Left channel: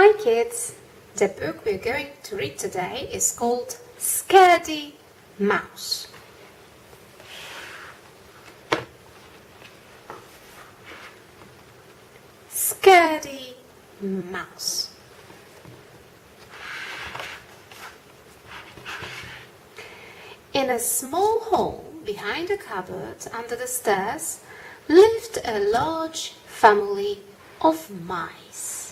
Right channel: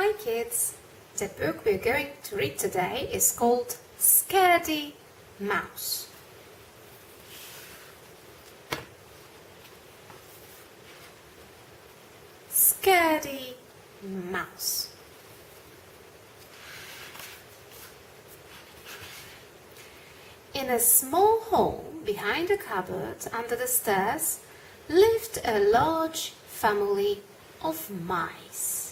Hi kids! The book we're going to read today is called Scaredy Mouse. Scaredy Mouse. In a small hole behind a cupboard under the stairs lived a large family of mice.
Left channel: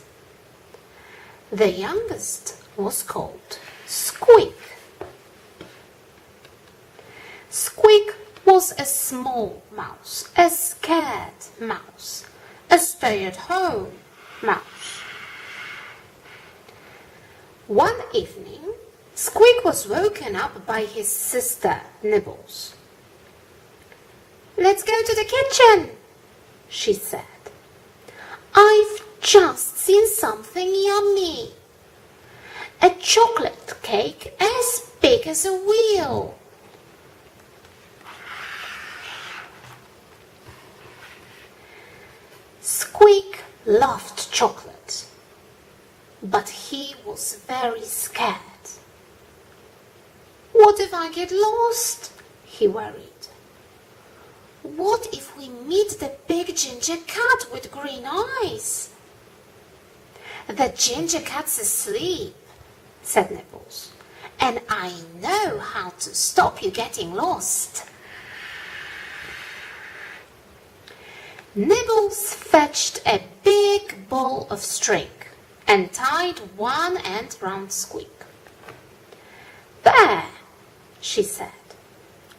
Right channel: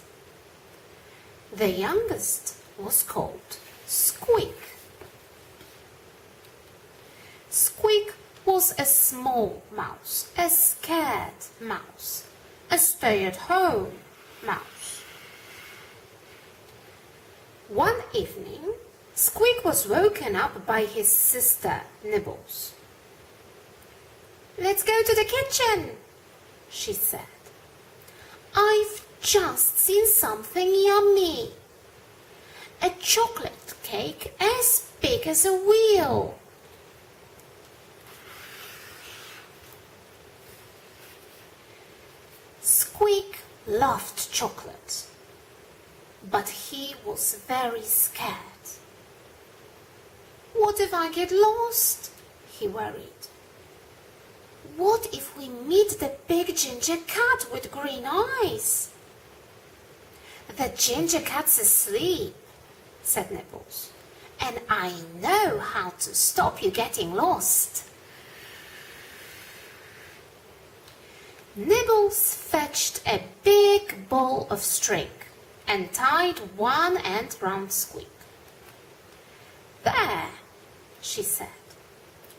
The youngest was called Squeak. Squeak was a small mouse, a scared mouse, a stay-at-home mouse. One evening, Squeak was woken up by his sister Nibbles. "Let's go to the kitchen," she said. "I've just seen something yummy. A chocolate cake as big as a wheel." Squeak loved chocolate, but he was very scared. "What if I get lost?" he worried. "What if we meet the big ginger cat with green eyes?" "The ginger cat's asleep," said Nibbles, "and I know how to stop you getting lost." Nibbles fetched a big ball of string and tied one end round Squeak. "There," she said.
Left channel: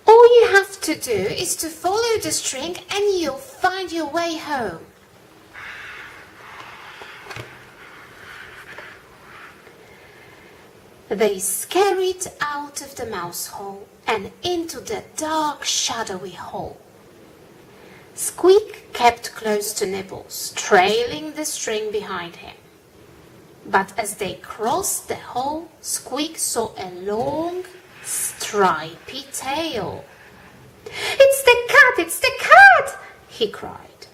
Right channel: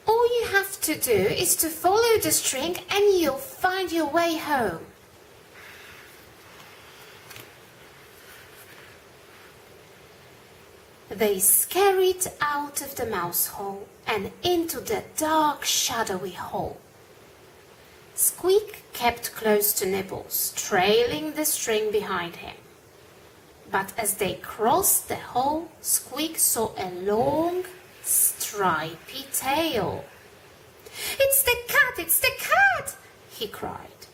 "All you have to do is to follow the string and you'll find your way home." They scurried out of the mouse hole and into the dark, shadowy hole. Squeak kept close to Nibbles, trailing the string behind him. But as they crossed the hole, Squeak saw a long, stripy tail. "It's the cat! It's the cat!" he cried.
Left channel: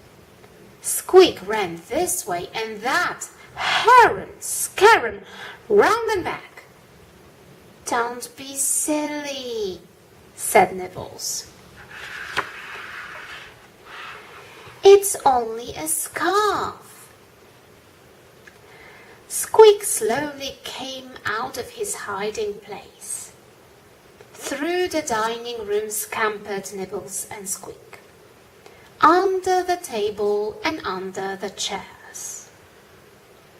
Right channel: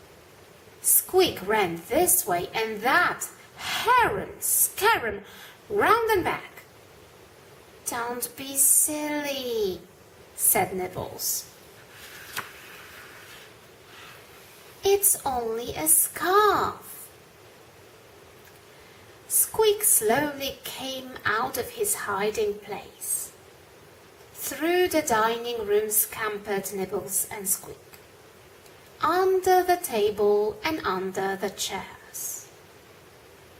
Squeak ran this way and that, harum, scarum, round and back. "Don't be silly," said Nibbles. "It's only a scarf." Squeak slowly came out of his hiding place. Through the dining room scampered Nibbles and Squeak, under the table and under the chairs.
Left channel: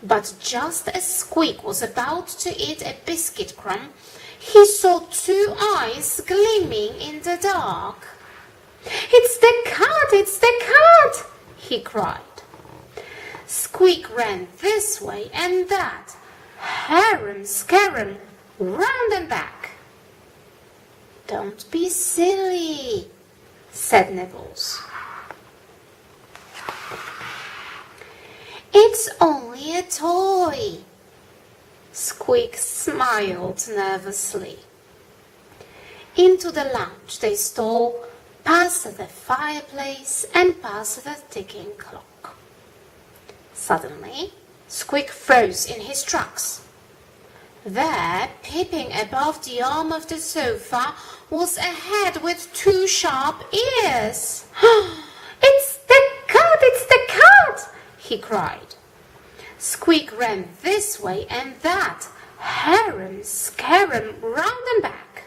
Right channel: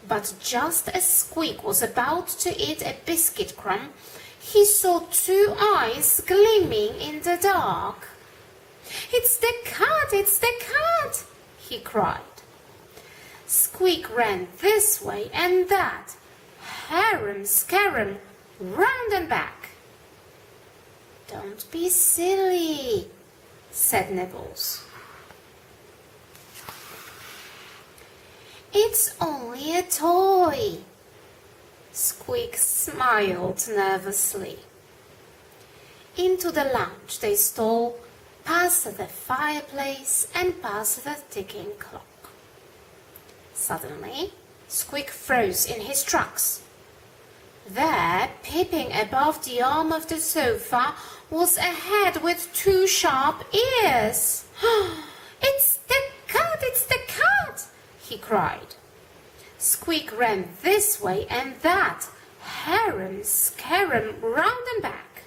But just as Squeak was about to eat a biscuit crumb, he saw two eyes gleaming in the dark. "It's the cat! It's the cat!" he cried. Squeak ran this way and that, harum scarum, round and back. "Don't be silly," said Nibbles. "It's only a toy." Squeak smiled nervously. Into the lounge they stole, past the fireplace and past the ticking clock. Suddenly, Squeak froze in his tracks. There, peeping above the arm of the sofa, was a head with two sharp ears. "It's the cat! It's the cat!" he cried. Squeak ran this way and that, harum scarum, round and back.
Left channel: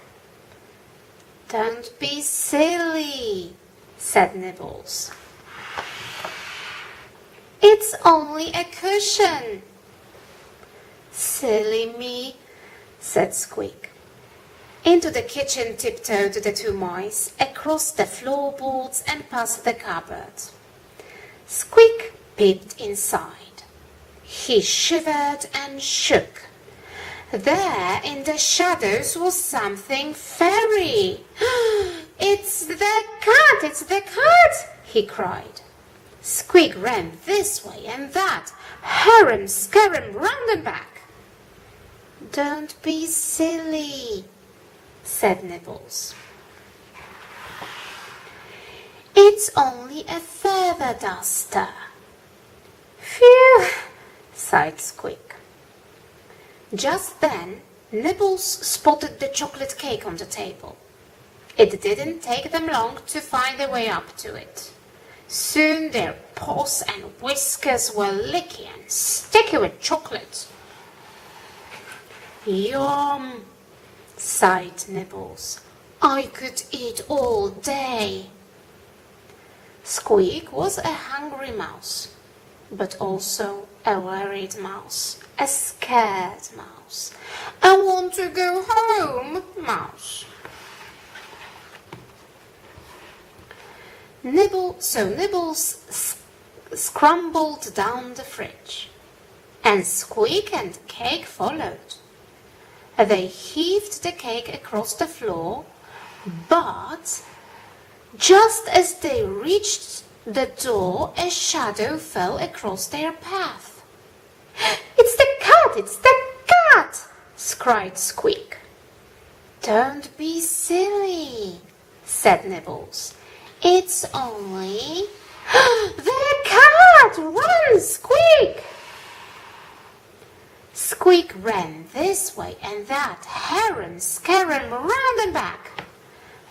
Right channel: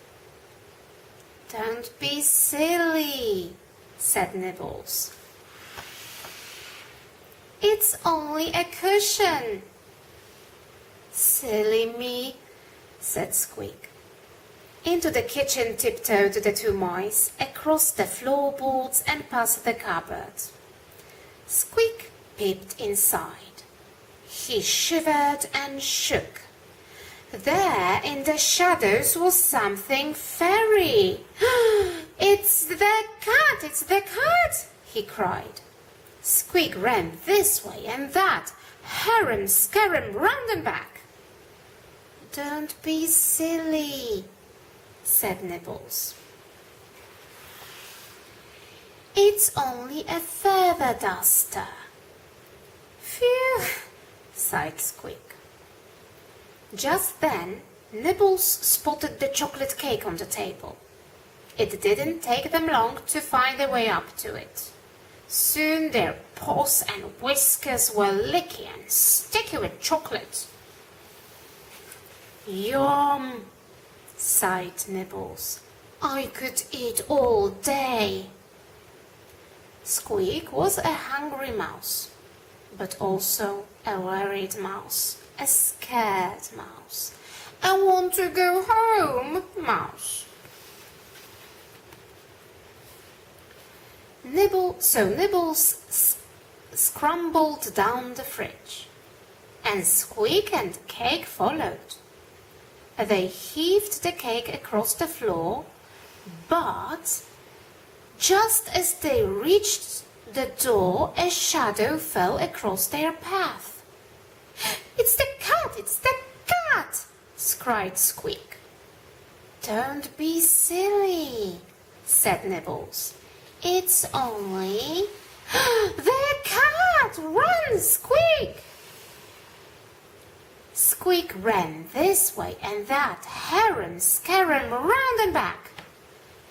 "Don't be silly," said Nibbles. "It's only a cushion." "Silly me," said Squeak. Into the kitchen tiptoed the two mice, across the floorboards and past the cupboard. Squeak peeped inside. He shivered and shook. There in the shadows was something fairy. "It's the cat! It's the cat!" he cried. Squeak ran this way and that, harum scarum, round and back. "Don't be silly," said Nibbles. "It's only a feather duster." "Phew," sighed Squeak. Just then, Nibbles spotted the chocolate cake on the table. It didn't take them long to find their way up to it. Soon their paws and whiskers were licky and sticky with chocolate. Yum, sighed Nibbles. I could eat all day. Squeak was a hungry mouse, but also a worried mouse, a scared mouse. I want to go home, mouse. Nibbles scrambled down the fridge, and Squeak and Cake followed. They heaved the cake across the floor, but just as they reached the door, a shadow fell across their path. It's the cat! It's the cat! cried Squeak. Don't be silly, said Nibbles. It's only... The cat! Run, Squeak! Squeak ran this way and that, harum, scarum, round and back.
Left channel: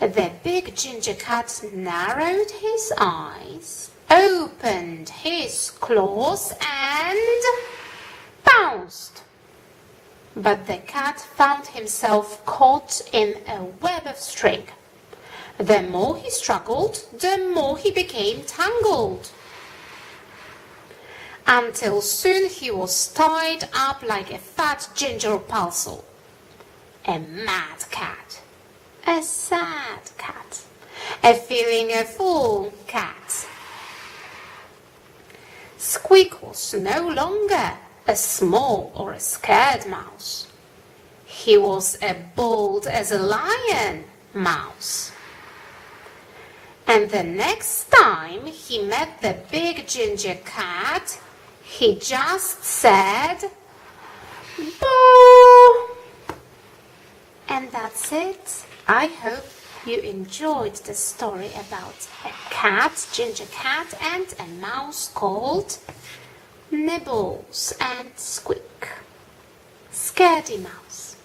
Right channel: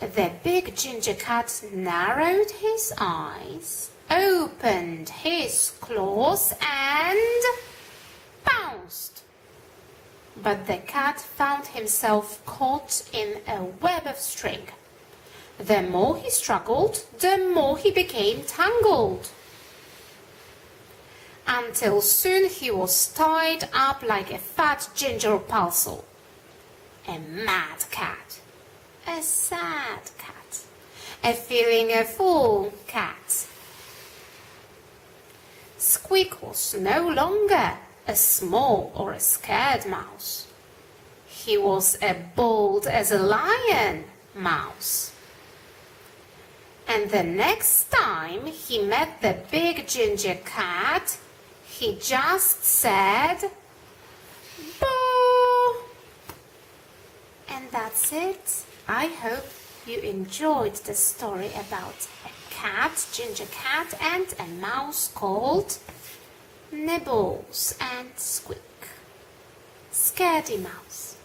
The big ginger cat narrowed his eyes, opened his claws, and bounced. But the cat found himself caught in a web of string. The more he struggled, the more he became tangled, until soon he was tied up like a fat ginger parcel. A mad cat, a sad cat, a feeling a fool cat. Squeak was no longer a small or a scared mouse. He was a bold as a lion mouse. And the next time he met the big ginger cat, he just said, "Boo!" And that's it. I hope you enjoyed the story about a cat, ginger cat, and a mouse called Nibbles and Squeak. Scaredy Mouse.